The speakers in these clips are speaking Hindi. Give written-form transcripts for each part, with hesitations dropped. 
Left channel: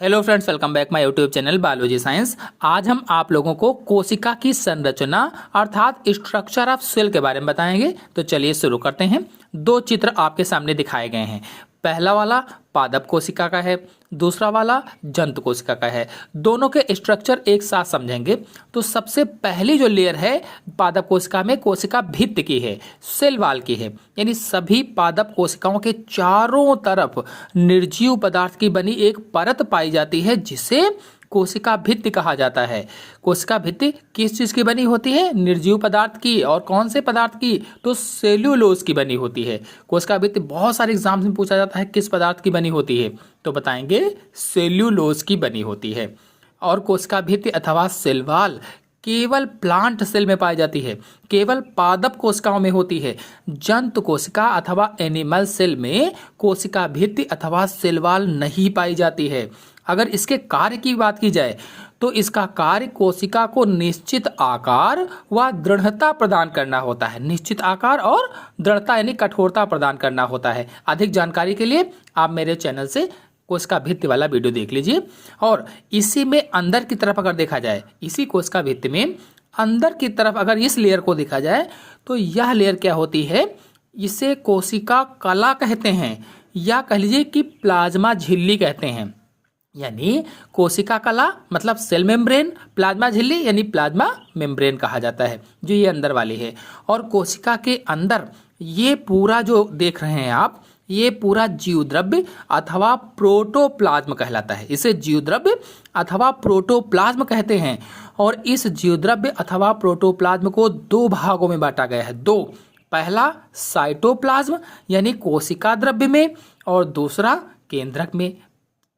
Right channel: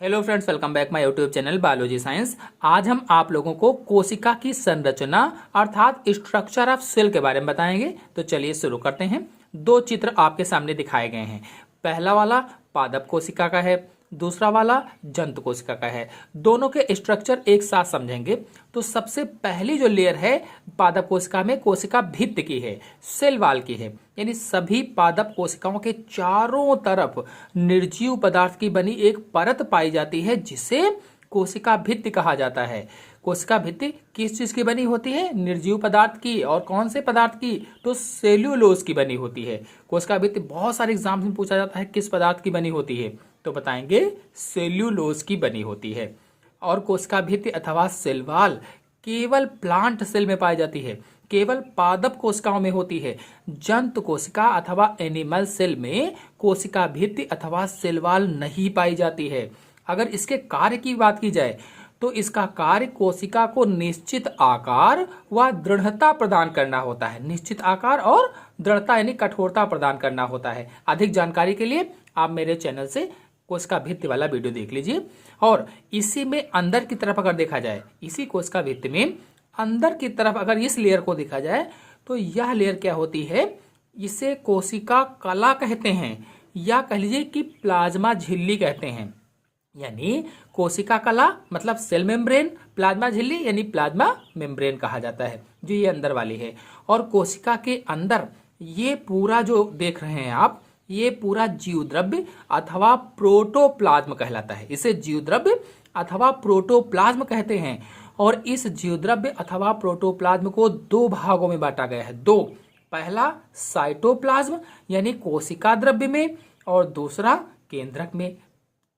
Hello friends, welcome back my YouTube channel biology science. आज हम आप लोगों को कोशिका की संरचना अर्थात स्ट्रक्चर ऑफ सेल के बारे में बताएंगे। तो चलिए शुरू करते हैं। दो चित्र आपके सामने दिखाए गए हैं। पहला वाला पादप कोशिका का है, दूसरा वाला जंतु कोशिका का है। दोनों के स्ट्रक्चर एक साथ समझेंगे। तो सबसे पहली जो लेयर है पादप कोशिका में कोशिका भित्ति की है, सेल वाल की है। यानी सभी पादप कोशिकाओं के चारों तरफ निर्जीव पदार्थ की बनी एक परत पाई जाती है जिसे कोशिका भित्ति कहा जाता है। कोशिका भित्ति किस चीज की बनी होती है? निर्जीव पदार्थ की। और कौन से पदार्थ की? तो सेल्यूलोज की बनी होती है। कोशिका भित्ति बहुत सारे एग्जाम्स में पूछा जाता है किस पदार्थ की बनी होती है, तो बताएंगे सेल्यूलोज की बनी होती है। और कोशिका भित्ति अथवा सेल वॉल केवल प्लांट सेल में पाई जाती है, केवल पादप कोशिकाओं में होती है। जंतु कोशिका अथवा एनिमल सेल में कोशिका भित्ति अथवा सेल वॉल नहीं पाई जाती है। अगर इसके कार्य की बात की जाए तो इसका कार्य कोशिका को निश्चित आकार व दृढ़ता प्रदान करना होता है। निश्चित आकार और दृढ़ता यानी कठोरता प्रदान करना होता है। अधिक जानकारी के लिए आप मेरे चैनल से कोशिका भित्ति वाला वीडियो देख लीजिए। और इसी में अंदर की तरफ अगर देखा जाए, इसी कोशिका भित्ति में अंदर की तरफ अगर इस लेयर को देखा जाए तो यह लेयर क्या होती है? इसे कोशिका कला कहते हैं, या कह लीजिए कि प्लाज्मा झिल्ली कहते हैं। यानी कोशिका कला मतलब सेल मेम्ब्रेन, प्लाज्मा झिल्ली यानी प्लाज्मा मेम्ब्रेन कहा जाता है, जो ये अंदर वाली है। और कोशिका के अंदर ये पूरा जो देख रहे हैं आप, ये पूरा जीवद्रव्य अथवा प्रोटोप्लाज्म कहलाता है। इसे जीवद्रव्य अथवा प्रोटोप्लाज्म कहते हैं। और इस जीवद्रव्य अथवा प्रोटोप्लाज्म को दो भागों में बांटा गया है। दो, पहला साइटोप्लाज्म यानी कोशिका द्रव्य में, और दूसरा केंद्रक में।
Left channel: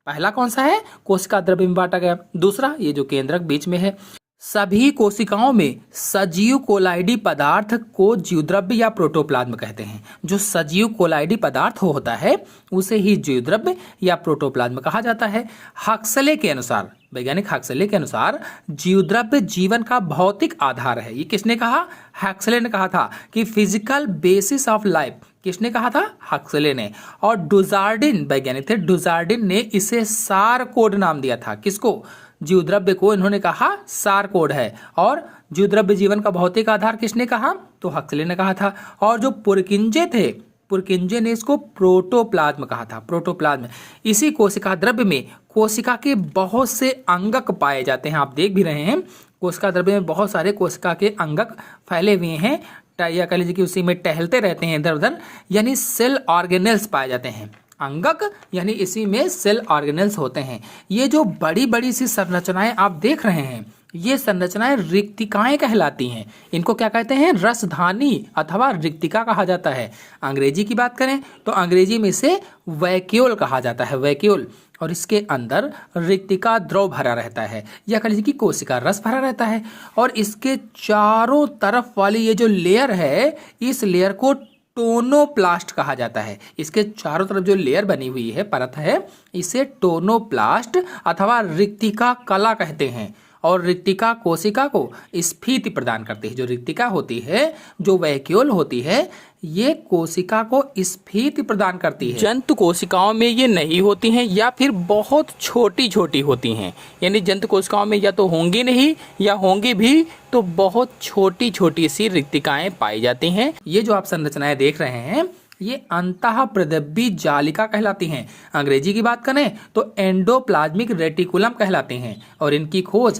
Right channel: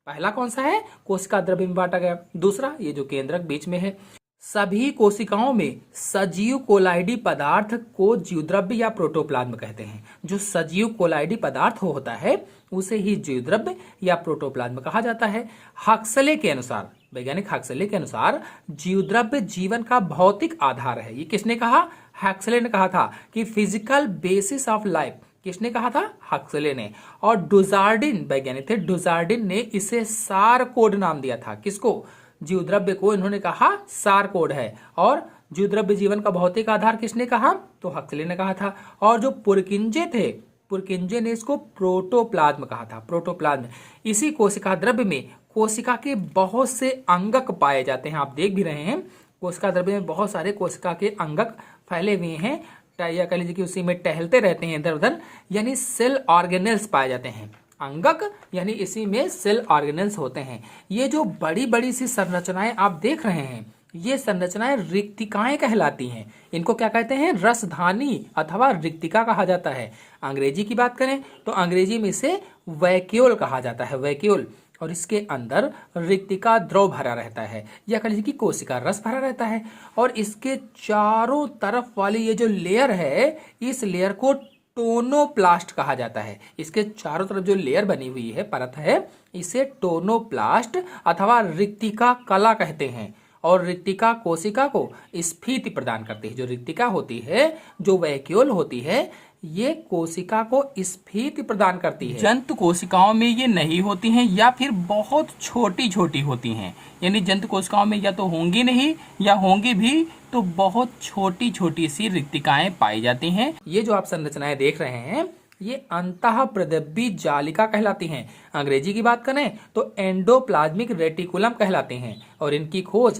पहला कौन सा है? कोशिका द्रव्य में बांटा गया। दूसरा ये जो केंद्रक बीच में है। सभी कोशिकाओं में सजीव कोलाइडी पदार्थ को जीवद्रव्य या प्रोटोप्लाज्म कहते हैं। जो सजीव कोलाइडी पदार्थ होता है उसे ही जीवद्रव्य या प्रोटोप्लाज्म कहा जाता है। हक्सले के अनुसार, वैज्ञानिक हक्सले के अनुसार जीवद्रव्य जीवन का भौतिक आधार है। ये किसने कहा? हक्सले ने कहा था कि फिजिकल बेसिस ऑफ लाइफ। किसने कहा था? हक्सले ने। और डुजार्डिन वैज्ञानिक थे, डुजार्डिन ने इसे सारकोड नाम दिया था। किसको? जीवद्रव्य को इन्होंने कहा सारकोड है। और जीवद्रव्य जीवन का भौतिक आधार किसने कहा? तो हक्सले ने कहा था। और जो पुरकिंजे थे, पुरकिंजे ने इसको प्रोटोप्लाज्म कहा था, प्रोटोप्लाज्म। इसी कोशिका द्रव्य में कोशिका के बहुत से अंगक पाए जाते हैं। आप देख भी रहे हैं कोशिका द्रव्य में बहुत सारे कोशिका के अंगक फैले हुए हैं, या कह लीजिए कि उसी में टहलते रहते हैं इधर उधर, यानी सेल ऑर्गेनेल्स पाए जाते हैं। अंगक यानी इसी में सेल ऑर्गेनेल्स होते हैं। ये जो बड़ी बड़ी सी संरचनाएं आप देख रहे हैं, ये संरचनाएं रिक्तिकाएं कहलाती हैं। इनको क्या कहते हैं? रसधानी अथवा रिक्तिका कहा जाता है। अंग्रेजी की बात करें तो अंग्रेजी में इसे वैक्यूल कहा जाता है, वैक्यूल। और इसके अंदर रिक्तिका द्रव भरा रहता है, या कह लीजिए कि कोशिका रस भरा रहता है। और इसके चारों तरफ वाली ये जो लेयर है, इस लेयर को टोनोप्लास्ट कहा जाता है। इसके चारों तरफ जो लेयर बनी हुई है, परत है, इसे टोनोप्लास्ट अथवा रिक्तिका कला कहते हैं। और रिक्तिका कोशिका को स्फीति प्रदान करती है। जो रिक्तिका होती है, जो वैक्यूल होती है, ये कोशिका को स्फीति प्रदान करती है। जंतु कोशिकाओं में ये नहीं होती हैं, या फिर बहुत छोटी छोटी होती हैं। यानी जंतु कोशिकाओं में या तो होंगी नहीं, या होंगी भी तो बहुत छोटी छोटी सी रिक्तिकाएं पाई जाती हैं। ये जो आप संरचनाएं देख रहे हैं, ये अंतःप्रदब्बी जालिका कहलाती हैं। अंग्रेजी की बात करें तो एंडोप्लाज्मिक रेटिकुलम कहलाते हैं। और इनकी खोज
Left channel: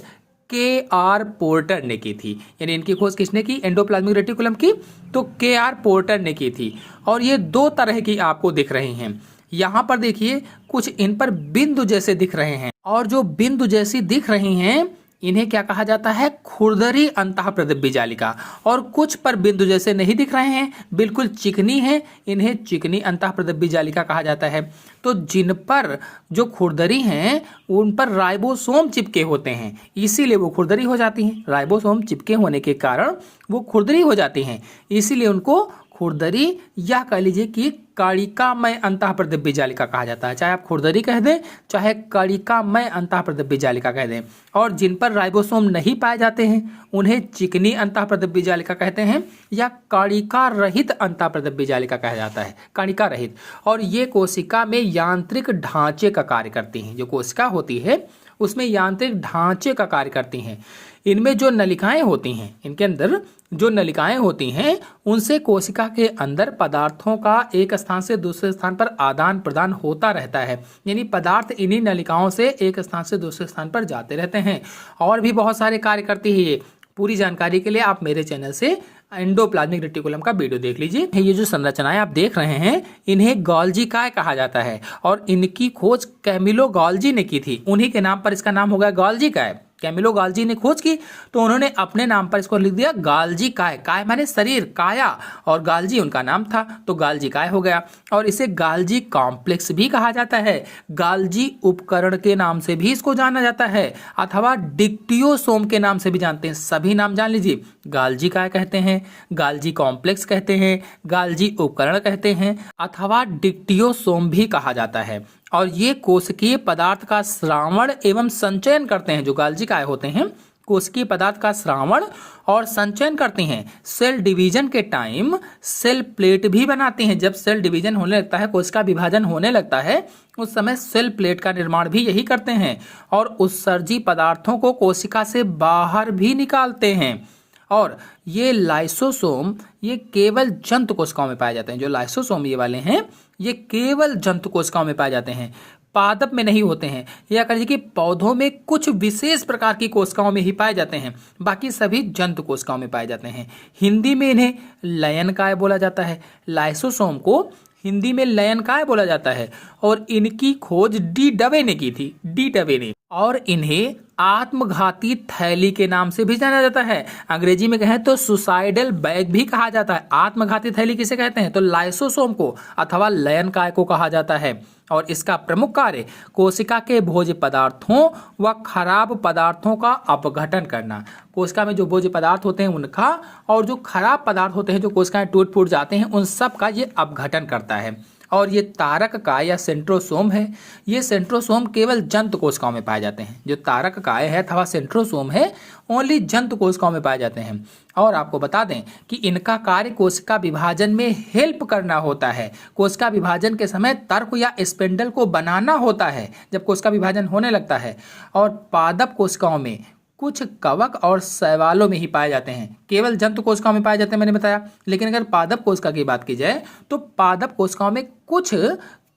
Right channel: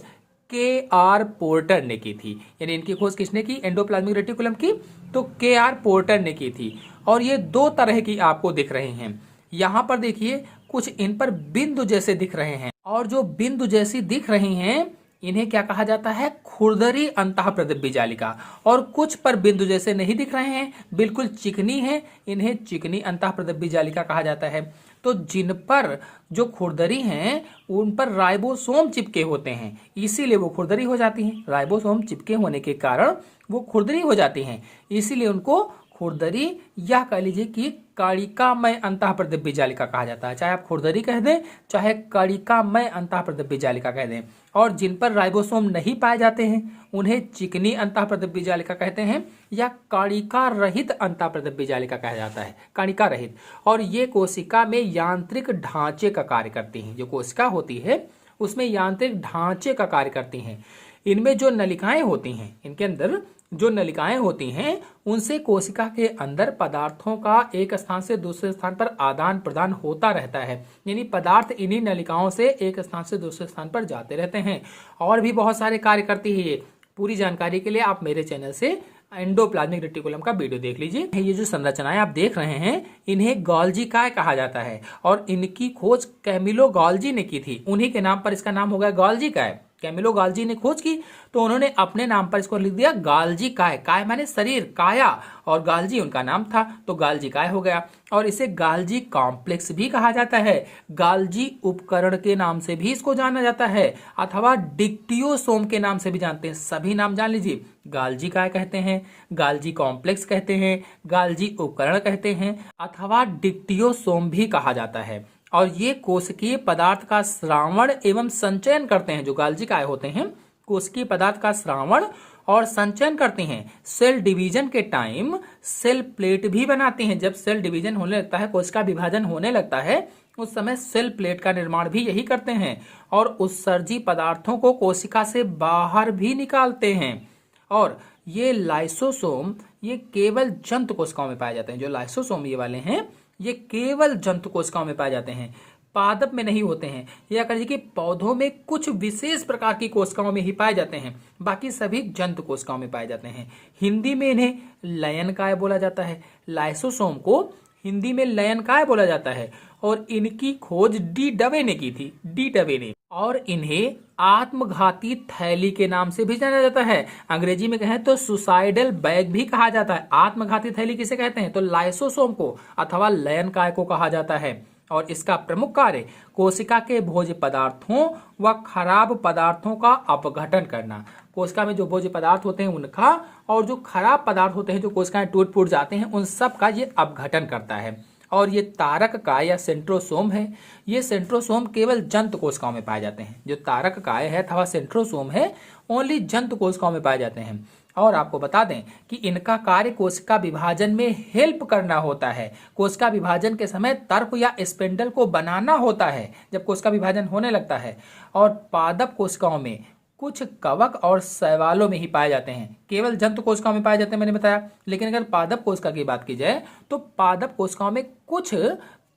के.आर. पोर्टर ने की थी। यानी इनकी खोज किसने की? एंडोप्लाज्मिक रेटिकुलम की तो के.आर. पोर्टर ने की थी। और ये दो तरह की आपको दिख रही हैं। यहाँ पर देखिए कुछ इन पर बिंदु जैसे दिख रहे हैं, और जो बिंदु जैसी दिख रही हैं इन्हें क्या कहा जाता है? खुरदरी अंतःप्रदब्बी जालिका। और कुछ पर बिंदु जैसे नहीं दिख रहे हैं, बिल्कुल चिकनी है, इन्हें चिकनी अंतःप्रदब्बी जालिका कहा जाता है। तो जिन पर जो खुरदरी हैं उन पर राइबोसोम चिपके होते हैं, इसीलिए वो खुरदरी हो जाती हैं। राइबोसोम चिपके होने के कारण वो खुरदरी हो जाती हैं, इसीलिए उनको खुरदरी या कह लीजिए कि कणिकामय अंतःप्रदिव्य जालिका कहा जाता है। चाहे आप खुरदरी कह दें, चाहे कणिकामय अंतःप्रदिव्य जालिका कह दें। और जिन पर राइबोसोम नहीं पाए जाते हैं उन्हें चिकनी अंतःप्रदिव्य जालिका कहते हैं या कणिका रहित अंतःप्रदिव्य जालिका कहा जाता है, कणिका रहित। और ये कोशिका में यांत्रिक ढांचे का कार्य करती हैं। जो कोशिका होती है उसमें यांत्रिक ढांचे का कार्य करती हैं। इनमें जो नलिकाएं होती हैं, इनके अंदर जो नलिकाएं होती हैं उनसे कोशिका के अंदर पदार्थों का एक स्थान से दूसरे स्थान पर आदान प्रदान होता रहता है। यानी पदार्थ इन्हीं नलिकाओं से एक स्थान से दूसरे स्थान पर जाते रहते हैं। और भी बहुत सारे कार्य करती है ये। पूरी जानकारी के लिए आप मेरे चैनल से एंडोप्लाज्मिक रेटिकुलम का वीडियो देख लीजिए। ये जो संरचनाएं आप देख रहे हैं इन्हें गोल्जी काय कहा जाता है और इनकी खोज कैमिलो गोल्जी ने की थी। उन्हीं के नाम पर इसका नाम हो गया गोल्जी काय। कैमिलो गोल्जी ने खोज की तो उन्होंने अपने नाम पर इसको लिख दिया गाल्जी काय। काय माने शरीर, काया, और गाल्जी उनका नाम था तो गाल्जी काय हो गया। और इसे गाल्जी कॉम्प्लेक्स भी कहा जाता है। गाल्जी उपकरण के नाम से भी इसको जाना जाता है अथवा डिक्टियोसोम के नाम से भी जानते हैं। सभी नाम जान लीजिए। गाल्जी काय कहते हैं, गाल्जी कॉम्प्लेक्स कहते हैं, गाल्जी उपकरण कहते हैं अथवा डिक्टियोसोम भी कहा जाता है। और ये कोशिकीय पदार्थ का श्रावण एवं संचयन करते हैं। जो गाल्जी काय होते हैं कोशिकीय पदार्थ का श्रावण और संचयन करते हैं। सेल डिवीजन के टाइम सेल प्लेट भी बनाते हैं। जब सेल डिवीजन होने लगता है, कोशिका विभाजन होने लगता है, उस समय सेल प्लेट का निर्माण भी यही करते हैं और उत्सर्जी पदार्थों को कोशिका से बाहर भी निकालते हैं। और ये लाइसोसोम ये केवल जंतु कोशिकाओं में पाए जाते हैं। जो लाइसोसोम ये वाले हैं ये केवल जंतु कोशिकाओं में पाए जाते हैं, पादप में नहीं होते हैं। या कह लीजिए कि पौधों में कुछ विशेष प्रकार की कोशिकाओं में ही पाए जाते हैं, बाकी सभी जंतु कोशिकाओं में पाए जाते हैं। हिंदी में इन्हें लयनकाय बोला जाता है। लाइसोसोम को हिंदी में लयनकाय बोला जाता है और इनकी खोज डी डवे ने की थी, डी डवे ने। और इन्हें आत्मघाती थैली के नाम से भी जाना जाता है। अंग्रेजी में कहें तो सुसाइडल बैग भी कहा जाता है। आत्मघाती थैली किसे कहते हैं तो लाइसोसोम को अथवा लयनकाय को कहा जाता है। और इसका प्रमुख कार्य कोशिका के भोज्य पदार्थों व खराब पदार्थों का अपघटन करना। कोशिका में जो भोज्य पदार्थ होते हैं उनका और जो खराब पदार्थ होते हैं जो कोशिकाएं टूट फूट जाते हैं उन सब का ये अपघटन करता है। और ये तारक काय या सेंट्रोसोम है। ये सेंट्रोसोम केवल जंतु कोशिकाओं में पाए जाते हैं। जो तारक काय है अथवा सेंट्रोसोम है ओनली जंतु कोशिकाओं में पाए जाते हैं। और आपको बता दें कि इनका कार्य कोशिका विभाजन में हेल्प करना होता है। कोशिका विभाजन के समय तर्क या स्पिंडल को बनाना होता है जब कोशिका विभाजन होने लगता है। और पादप कोशिकाओं में कुछ कवक और शैवालों में ही पाए जाते हैं। केवल जंतु कोशिकाओं में पाए जाते हैं मैंने बताया। लेकिन अगर पादप कोशिका की बात की जाए तो पादप कोशिकाओं में कुछ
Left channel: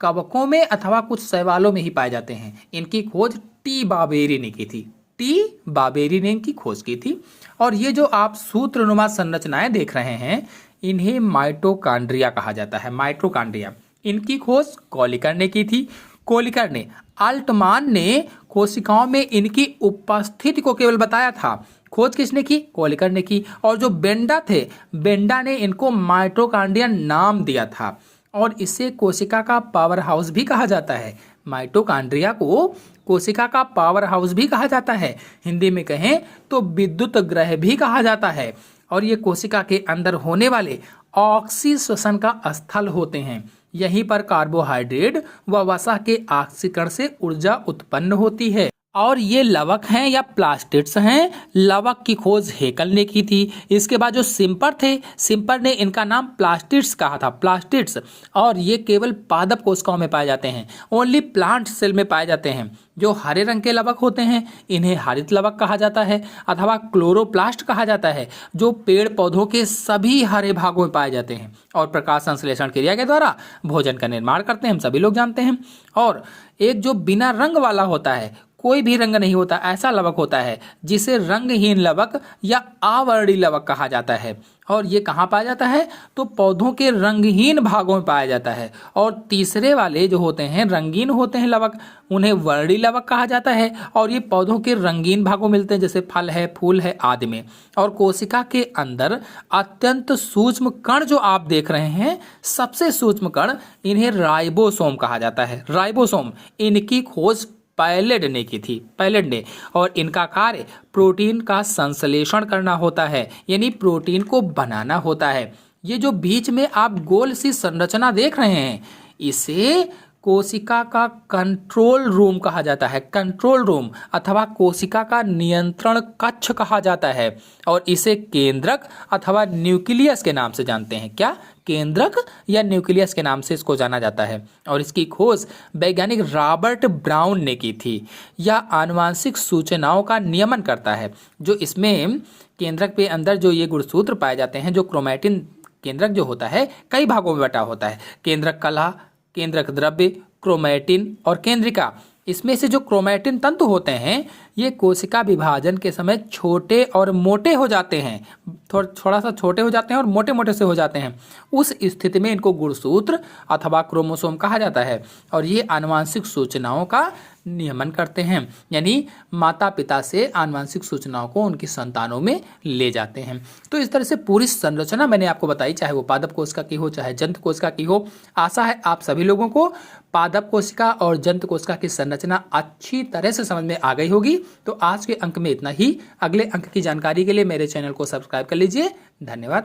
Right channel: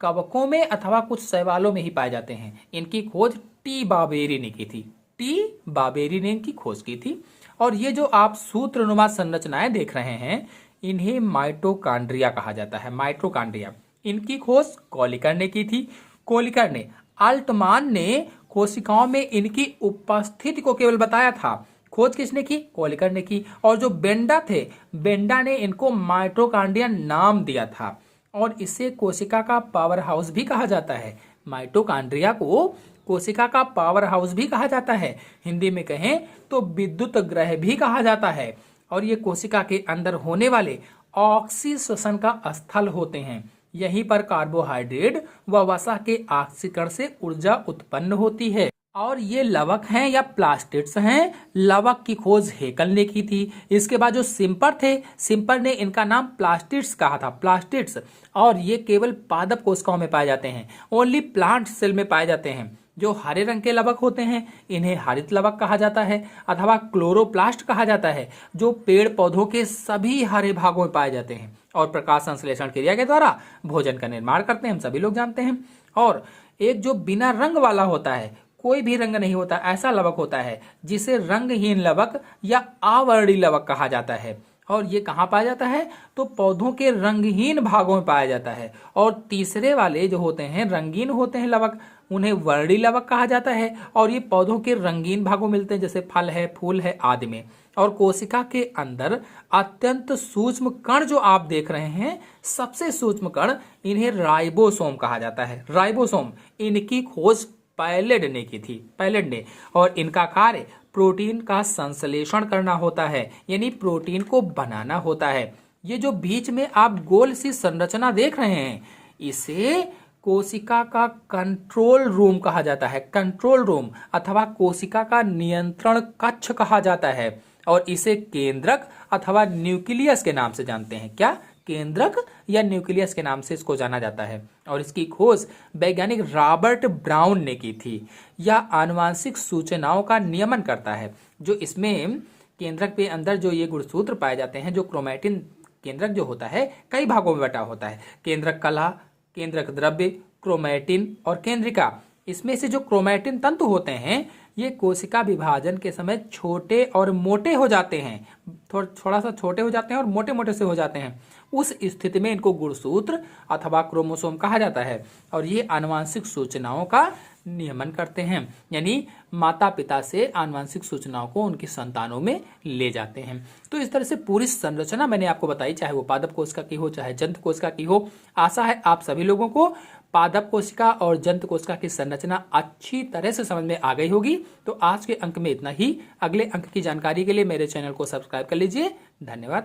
कवकों में अथवा कुछ शैवालों में ही पाए जाते हैं। इनकी खोज टी बाबेरी ने की थी। टी बाबेरी ने इनकी खोज की थी। और ये जो आप सूत्रनुमा संरचनाएं देख रहे हैं इन्हें माइटोकांड्रिया कहा जाता है। माइटोकांड्रिया इनकी खोज कोलिकर ने की थी। कोलिकर ने, अल्टमान ने कोशिकाओं में इनकी उपस्थिति को केवल बताया था। खोज किसने की? कोलिकर ने की। और जो बेंडा थे, बेंडा ने इनको माइटोकांड्रिया नाम दिया था। और इसे कोशिका का पावर हाउस भी कहा जाता है। माइटोकांड्रिया को कोशिका का पावर हाउस भी कहा जाता है। हिंदी में कहें तो विद्युत ग्रह भी कहा जाता है। और ये कोशिका के अंदर होने वाले ऑक्सीश्वसन का स्थल होते हैं। यहीं पर कार्बोहाइड्रेट व वसा के ऑक्सीकरण से ऊर्जा उत्पन्न होती है। और ये लवक हैं या प्लास्टिड्स हैं। लवक की खोज हेकल ने की थी। इसके बाद जो सिम्पर थे, सिम्पर ने इनका नाम प्लास्टिड्स कहा था, प्लास्टिड्स। और ये केवल पादप कोशिकाओं में पाए जाते हैं, ओनली प्लांट सेल में पाए जाते हैं। जो हरे रंग के लवक होते हैं इन्हें हरित लवक कहा जाता है अथवा क्लोरोप्लास्ट कहा जाता है, जो पेड़ पौधों के सभी हरे भागों में पाए जाते हैं और प्रकाश संश्लेषण क्रिया के द्वारा भोजन का निर्माण करते हैं, हम सभी लोग जानते हैं। और एक जो बिना रंग वाला होता है, कोई भी रंग नहीं होता, ऐसा लवक होता है जिसे रंगहीन लवक या आवर्णी लवक कहा जाता है। और ये कहाँ पाया जाता है तो पौधों के रंगहीन भागों में पाया जाता है। और तीसरे वाले जो होते हैं रंगीन होते हैं लवक, उन्हें वर्णी लवक कहा जाता है। और ये पौधों के रंगीन भागों में मिलते हैं, जैसे फल है, फूल है आदि में। और कोशिका के अंदर अत्यंत सूक्ष्म कण जो आप देख रहे हैं, सबसे सूक्ष्म कण, इन्हें राइबोसोम कहा जाता है। राइबोसोम, इनकी खोज पैलेड ने की थी, पैलेड ने। और इनका कार्य प्रोटीन का संश्लेषण करना होता है, यानी प्रोटीन को बनाना होता है। ये जो बीच में आप गोल सी संरचना देख रहे हैं, इसे कोशिका का कंट्रोल रूम कहा जाता है। कंट्रोल रूम अथवा कोशिका का नियंत्रण कक्ष कहा जाता है और इसे केंद्रक अथवा न्यूक्लियस के नाम से जानते हैं। क्या? केंद्रक या न्यूक्लियस के नाम से इसको जाना जाता है। और इसकी खोज वैज्ञानिक रॉबर्ट ब्राउन ने की थी। यह आनुवांशिक सूचनाओं का नियमन करता है। जो इसमें केंद्रक पे अंदर जो ये गुणसूत्र पाए जाते हैं, जो क्रोमैटिन, केंद्रक जो होता है कई भागों में बटा होता है। केंद्रक कला, केंद्रक द्रव्य, क्रोमैटिन और केंद्रिका। इसमें से जो क्रोमैटिन तंतु होते हैं ये कोशिका विभाजन के समय छोटे और मोटे हो जाते हैं, थोड़ा सा छोटे हो जाते हैं और मोटे मोटे से हो जाते हैं। उस स्थिति में इनको गुणसूत्र अथवा क्रोमोसोम कहा जाता है और ये आनुवांशिक सूचनाओं का नियमन करते हैं, यानी माता पिता से आनुवांशिक सूचनाओं को उनकी संतानों में ले जाते हैं। तो इस तरह से पूरी संरचना मैंने आपको बताई, चाहे वो पादप कोशिका की हो चाहे जंत कोशिका की हो। आशा है आप सभी लोगों को पादप कोशिका और जंत कोशिका की संरचना अच्छी तरह से समझ में आ गई होगी। तो आज के अंक में इतना ही। अगले अंक की जानकारी के लिए मेरे चैनल को सब्सक्राइब कर लीजिए। धन्यवाद।